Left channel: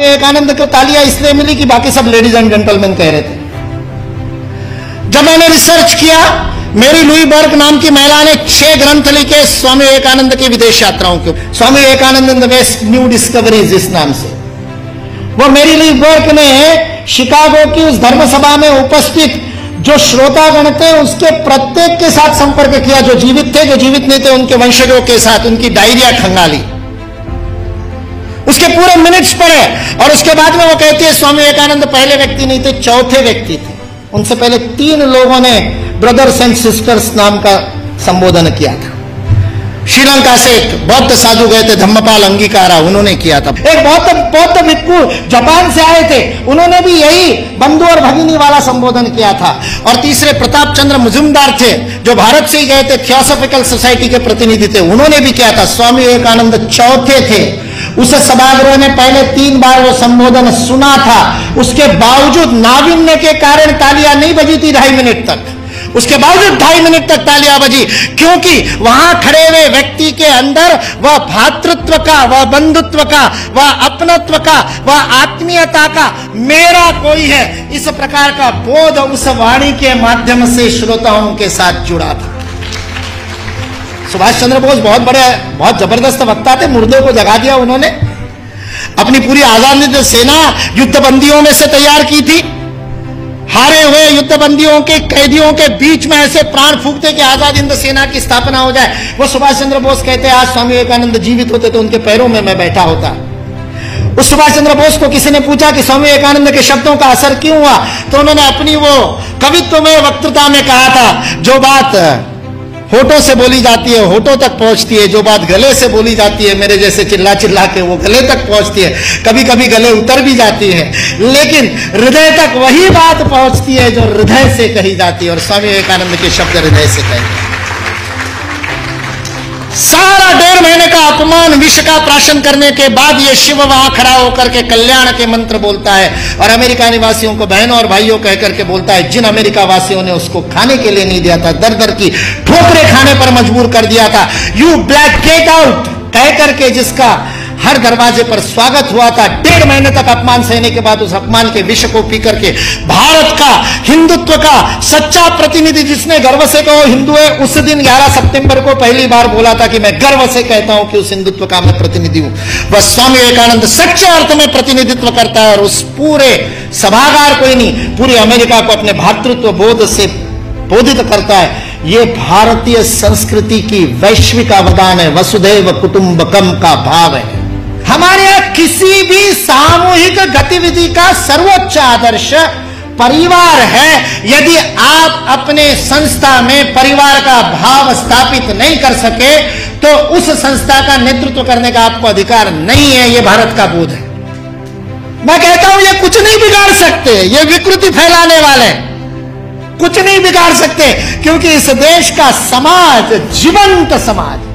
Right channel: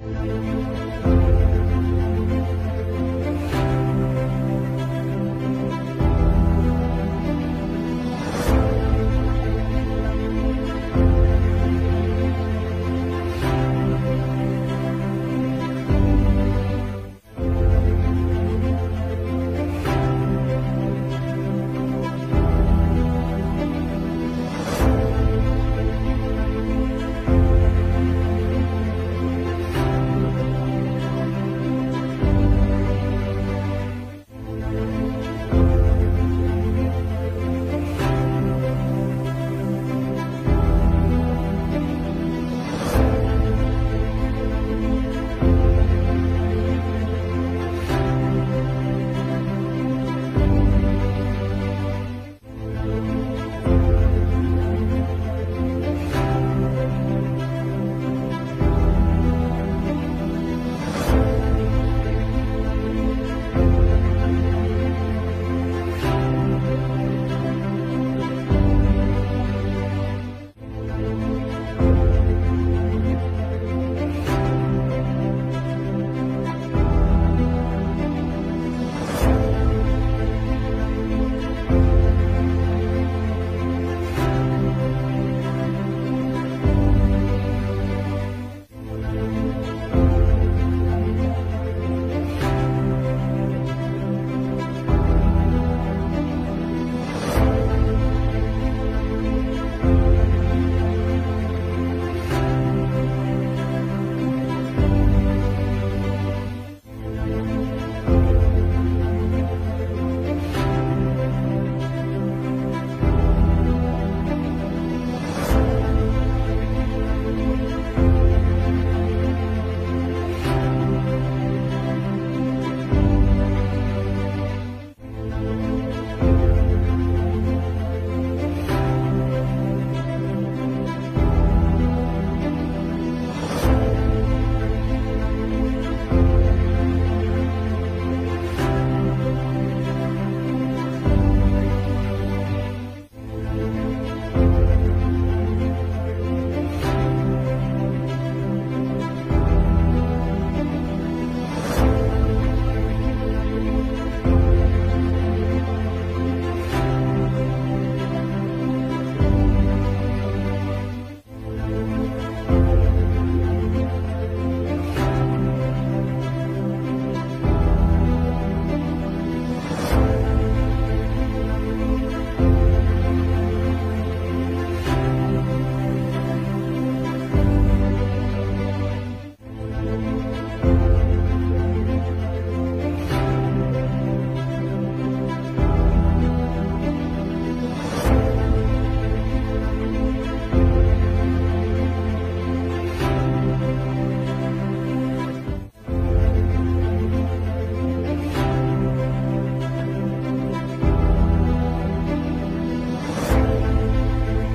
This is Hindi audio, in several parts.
विवेकानंद को तालियां इसलिए मिली कि बाकी सब लेडीज एंड जेंटलमैन कह रहे थे। जब मैंने रिसर्च किया, मेरी लुई बर्ग नाम की महिला ने 6 ग्रंथ लिखे स्वामी विवेकानंद की विदेश यात्राओं के। Swami Vivekananda waste new discoveries इस नाम से। वो मेरी लुई बर्ग ने शिकागो की उस धर्म सभा में उपस्थित जो श्रोतागण थे उसके प्रत्येक के साथ संपर्क किया, जो जीवित थे, जो जीवित नहीं थे, उनके वंशजों के साथ उनकी डायरिया खंगाली, उसके पूरे मिनट्स पढ़े। और उसके बाद में वो कहती है स्वामी विवेकानंद पहले व्यक्ति नहीं थे, चौथे व्यक्ति थे। उनसे पहले 3 लोगों ने ब्रदर्स एंड सिस्टर्स नाम का संबोधन किया था। श्रीलंका से एक बौद्ध साधु गए थे, धम्मपाल अंगीकारा, उन्होंने किया था। एक बौद्ध भिक्षु जापान से आए थे, उन्होंने भी यही बंधु और भगिनी वाला संबोधन किया था। और तीसरे प्रताप चंद्र मुजुमदार थे, जो भारत से ही गए थे, थियोसॉफिकल सोसाइटी के प्रतिनिधि थे, उन्होंने भी किया था। स्वामी विवेकानंद चौथे थे। उस सभागृह ने पहले 3 बार वो संबोधन सुना था, उसके बावजूद नाविन्य के कारण तालियां नहीं बजी थी 2.5 मिनट तक। उसके बावजूद 2.5 मिनट तक तालियां बजी, क्योंकि वहां खड़े हुए व्यक्ति के अंदर वह भातृत्व का, वह बंधुत्व का, वह अपनत्व का, वह आत्मीयता का, मेरा कोई है, इस प्रकार का बोध उस वाणी के माध्यम से श्रोताओं के साथ जुड़ा था। सुभाष चंद्र बोस बहुत जबरदस्त वक्ता थे, मुर्दों को जगा दिया उन्होंने। अपनी पूरी आजादी सेना युद्धबंदियों में से तैयार की थी। हारे हुए युद्धबंदियों के कैदियों के बीच में ऐसे प्राण फूंकते कि आजाद हिंद सेना की स्थापना हो जाए। वो सुभाष चंद्र बोस कहते हैं, आज स्वामी विवेकानंद जीवित होते तो उनके पैरों में मैं बैठा होता। उस सुभाष चंद्र बोस को किसी ने पूछा कि स्वामी विवेकानंद के शब्दों का असर क्यों हुआ, तो उन्होंने अपनी वो कवित्व में वक्तृता में कहा था, जो बात होठों से बोली जाती है होठों तक पहुंचती है, जो बात गले से बोली जाती है मेरे जैसे चिल्ला चिल्ला के वो गले तक पहुंचती है, कभी कभी गले उतर भी जाती है, लेकिन हृदय तक वही बात पहुंचती है जो हृदय से कही जाती है। और स्वामी विवेकानंद के शब्द हृदय से कहते। सारा 1.5 महीने का अपमान विष का प्राशन करने के बाद ये शिव वहां खड़ा होकर के कल्याण के मंत्र बोलता है और अमेरिका निवासियों को बहनों और भाइयों कह करके बोलता है, जिन अमेरिका वासियों ने उसको खाने के लिए नहीं दिया था, दर दर की ठोकरें खाने पर मजबूर कर दिया था, यू ब्लैक गेट आउट कह करके जिसका हर दरवाजे पर स्वागत हुआ था, 1.5 महीने तक अपमान सहने के बाद उस अपमान के विष को पी करके भारत का हिंदुत्व का सच्चा प्रतिनिधि, जिसने गर्व से कहो हिंदू है, उस दिन 11 सितंबर को पहली बार बोला था कि मैं गर्व से कहता हूं कि उस हिंदुत्व का मैं प्रतिनिधि हूं। वह स्वामी विवेकानंद सच्चे अर्थ में प्रतिनिधित्व करता है और उस पूरे सभागार को ही नहीं, पूरी अमेरिका को अपने भातृत्व बोध से बोधित करता है। ये भारतीय संस्कृति की वैश्विक अवदान है, वसुधैव कुटुंबकम का भाव है। हमारे यहां किसी भी सामूहिक गतिविधि का सर्वोच्च आदर्श परिवार है। यदि आप अपने संस्था में परिवार का भाव स्थापित नहीं कर सके तो उस संस्था का नेतृत्व करने का आपको अधिकार नहीं है। यह भारत का बोध है। मैं कहता हूं ये कुछ नहीं बिगाड़ सकते, ये विकृति फैलाने वाले कुछ नहीं बिगाड़ सकते, क्योंकि इस देश का समाज जीवंत समाज,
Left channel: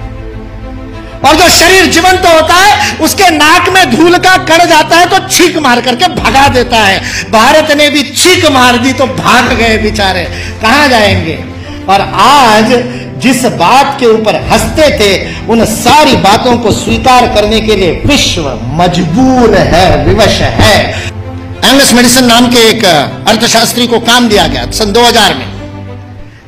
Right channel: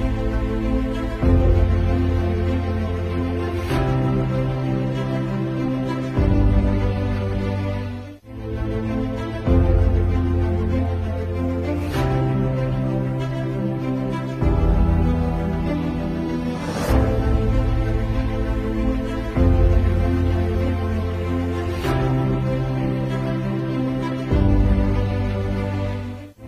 और जो शरीर जीवंत होता है उसके नाक में धूल का कण जाता है तो छींक मार करके भगा देता है। भारत ने भी छींक मार दी तो भाग गए बेचारे, कहां जाएंगे। और आज जिस बात के ऊपर हंसते थे उन सारी बातों को स्वीकार करने के लिए विश्व मजबूर है, विवश है। एंगस मेडिसन नाम के एक अर्थशास्त्री को काम दिया गया सन 2000 में।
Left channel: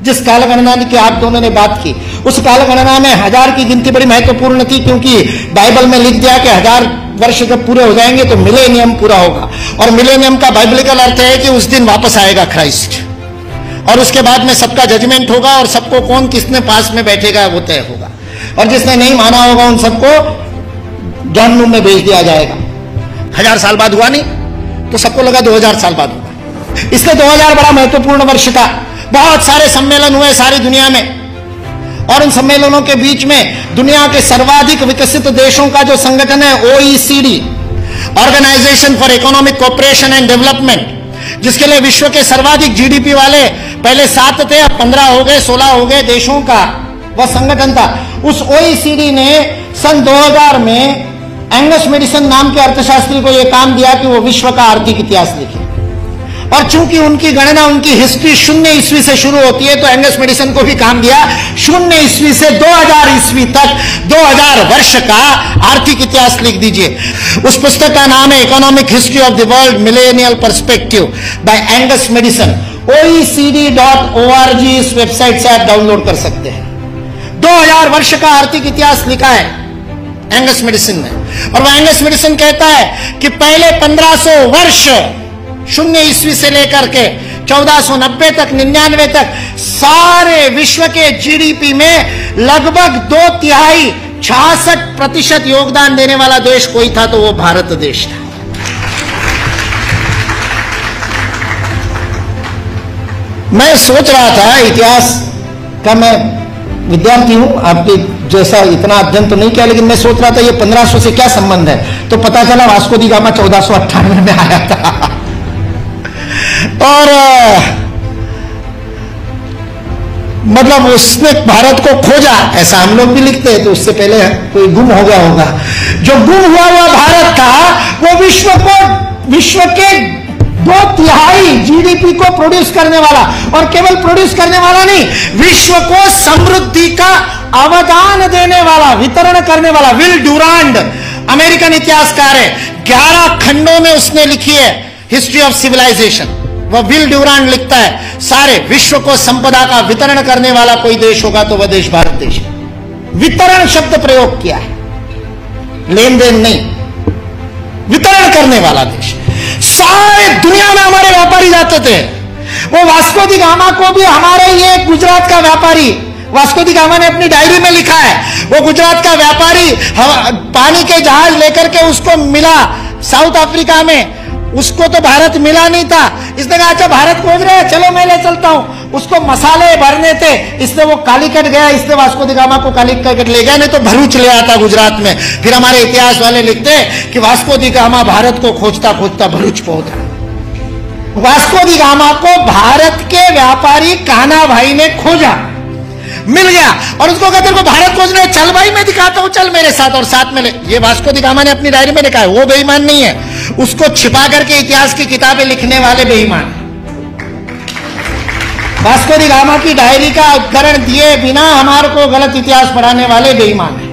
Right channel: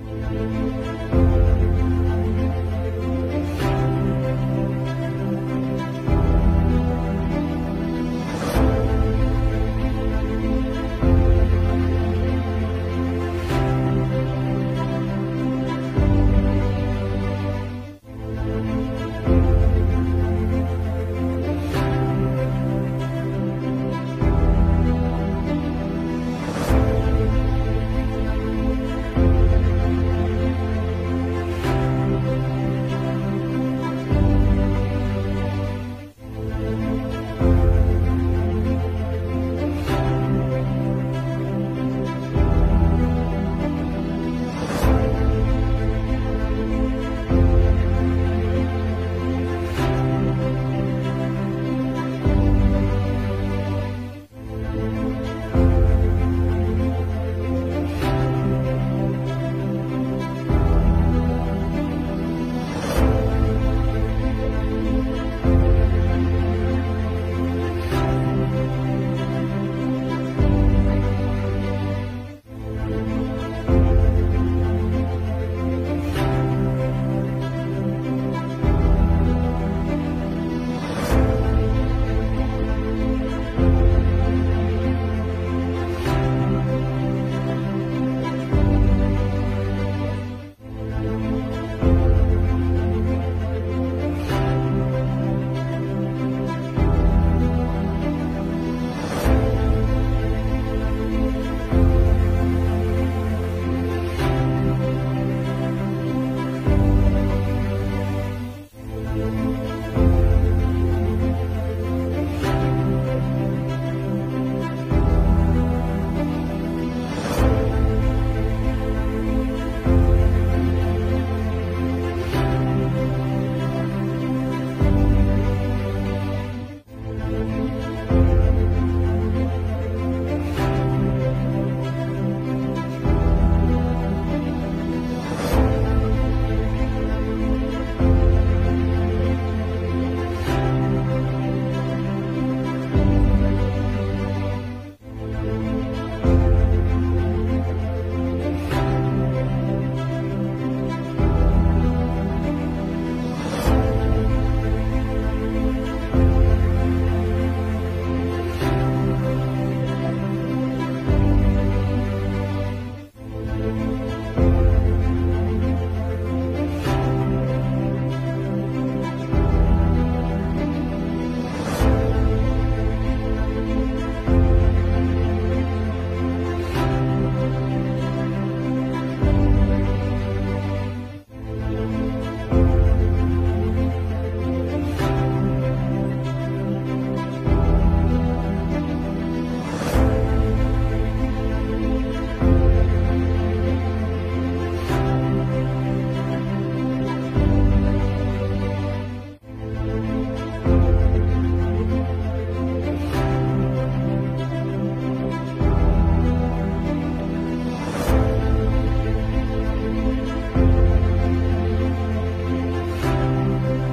जिस कालगणना की आप दोनों ने बात की, उस कालगणना में 1000 की गिनती बड़ी महत्वपूर्ण थी, क्योंकि बाइबल में लिख दिया कि 1000 वर्ष जब पूरे हो जाएंगे तो मिलेनियम पूरा होगा। और मिलेनियम का बाइबलिकल अर्थ है कि उस दिन वापस आएगा क्राइस्ट, और उसके बाद में सबका जजमेंट होगा और सबको कौन किसने पास में बैठेगा वो तय होगा, और जिसने नहीं माना होगा उन सबको जहन्नुम में भेज दिया जाएगा। 1000 साल बाद हुआ नहीं तो सबको लगा 2000 साल बाद होगा। इसलिए 2000 बड़ा महत्वपूर्ण वर्ष था। बहुत सारे सम्मेलन हुए सारी दुनिया में, और उन सम्मेलनों के बीच में दुनिया के सर्वाधिक विकसित देशों का जो संगठन है OECD, organisation for economic cooperation and development, जिसके लिए विश्व के सर्वाधिक GDP वाले पहले 7 थे, अब 15 हो गए, 16 हो गए देशों का वह संगठन था। उस OECD ने सन 2000 में एंगस मेडिसन नाम के अर्थशास्त्री को यह काम दिया कि वो विश्व का आर्थिक इतिहास लिखे। और चूंकि उनकी गणना, उनकी हिस्ट्री 0 ईस्वी से शुरू होती है, तो एंगस मेडिसन को भी काम दिया 0 ईस्वी से 2000 ईस्वी तक 2000 वर्ष का आर्थिक इतिहास लिख दीजिए। उस पुस्तक का नाम है economic history of the world millennial perspective by Angus Maddison. OECD.org इस वेबसाइट से आप डाउनलोड कर सकते हैं। 2000 वर्ष का आर्थिक इतिहास लिखा है एंगस मेडिसन ने। और वह एंगस मेडिसन कहता है कि पहले 1500 वर्ष 0 ईस्वी से लेकर के 1490 तक, 99 तक, सारे विश्व के जीडीपी में लगभग 2/3 66% योगदान देने वाला देश कोई था तो वो भारत देश था। मैं सोच रहा था, इतिहास का मैं विद्यार्थी हूं, आपके जैसा इतना अध्ययन तो नहीं किया, लेकिन मैं सोच रहा था ये 1500 से क्या संबंध है। तो पता चला वास्को दी गामा 1498 में आया था और मतलब उसने भारत को खोजा, ऐसा हम लोग भी लिखते हैं, तो उससे पहले कोई गुम हो गया होगा। जो गुम हुआ भारत था वो विश्व के 2/3 जीडीपी को प्रोड्यूस करने वाला, और केवल प्रोड्यूस करने वाला नहीं, विश्व को समृद्धि का अवदान देने वाला, वितरण करने वाला। विल ड्यूरांड अमेरिकन इतिहासकार है, 11 खंडों में उसने लिखी है हिस्ट्री ऑफ सिविलाइजेशन। वह विल ड्यूरांड लिखता है सारे विश्व को संपदा का वितरण करने वाला कोई देश होगा तो वह देश भारत देश है। वितरण शब्द प्रयोग किया है, लेन देन नहीं, वितरण करने वाला देश। सारे दुनिया में हमारे व्यापारी जाते थे। वो वास्को दी गामा को भी हमारे ये गुजरात का व्यापारी, वास्को दी गामा ने अपनी डायरी में लिखा है, वो गुजरात का व्यापारी पानी के जहाज लेकर के उसको मिला साउथ अफ्रीका में, उसको तो भारत मिला नहीं था। इसने कहा अच्छा भारत खोज रहे हैं, चलो मैं ले चलता हूं। उसको मसाले भरने थे, इसने वो कालीकट गया, इसने वास्को दी गामा को कालीकट ले गया, नहीं तो भरूच ले आता गुजरात में। फिर हमारे इतिहास वाले लिखते हैं कि वास्को दी गामा भारत को खोजता खोजता भरूच पहुंच गया। वास्को दी गामा को भारत के व्यापारी कान्हा भाई ने खोजा, मिल गया, और उसको कहते हैं भारत खोजने, चल भाई मैं दिखाता हूं, चल मेरे साथ, और साथ में ले। ये वास्को दी गामा ने अपनी डायरी में लिखा है, वो बेईमान नहीं है, उसको छिपा करके इतिहास की किताबें लिखने वाले बेईमान है। वास्को दी गामा की डायरी का उद्धरण दिए बिना हमारे को गलत इतिहास पढ़ाने वाले बेईमान है।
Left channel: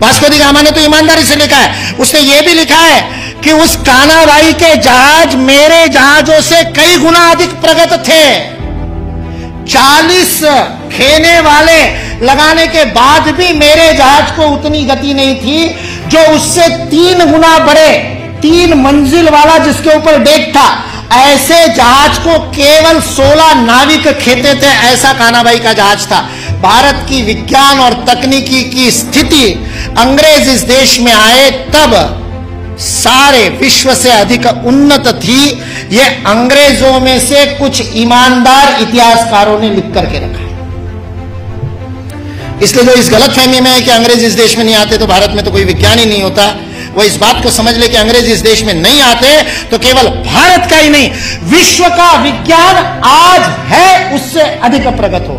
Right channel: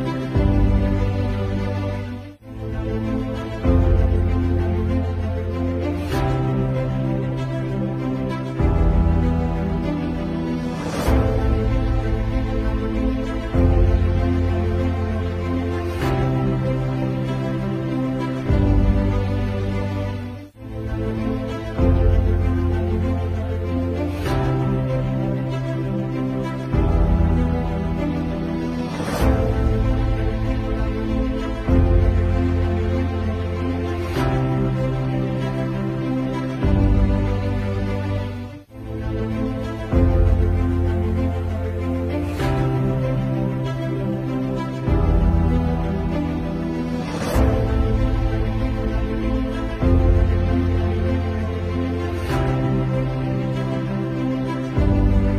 वास्को दी गामा ने तो ईमानदारी से लिखा है, उसने ये भी लिखा है कि उस कान्हा भाई के जहाज मेरे जहाजों से कई गुना अधिक प्रगत थे। 40 खेने वाले लगाने के बाद भी मेरे जहाज को उतनी गति नहीं थी जो उससे 3 गुना बड़े, 3 मंजिल वाला जिसके ऊपर डेक था, ऐसे जहाज को केवल 16 नाविक खेते थे। ऐसा कान्हा भाई का जहाज था। भारत की विज्ञान और तकनीकी की स्थिति अंग्रेज इस देश में आए तब सारे विश्व से अधिक उन्नत थी। ये अंग्रेजों में से कुछ ईमानदार इतिहासकारों ने लिख करके रखा। इसलिए जो इस गलतफहमी में है कि अंग्रेज इस देश में नहीं आते तो भारत में तो कोई विज्ञान ही नहीं होता, वो इस बात को समझ ले कि अंग्रेज इस देश में नहीं आते तो केवल भारत का ही नहीं, विश्व का विज्ञान आज है उससे अधिक प्रगत हो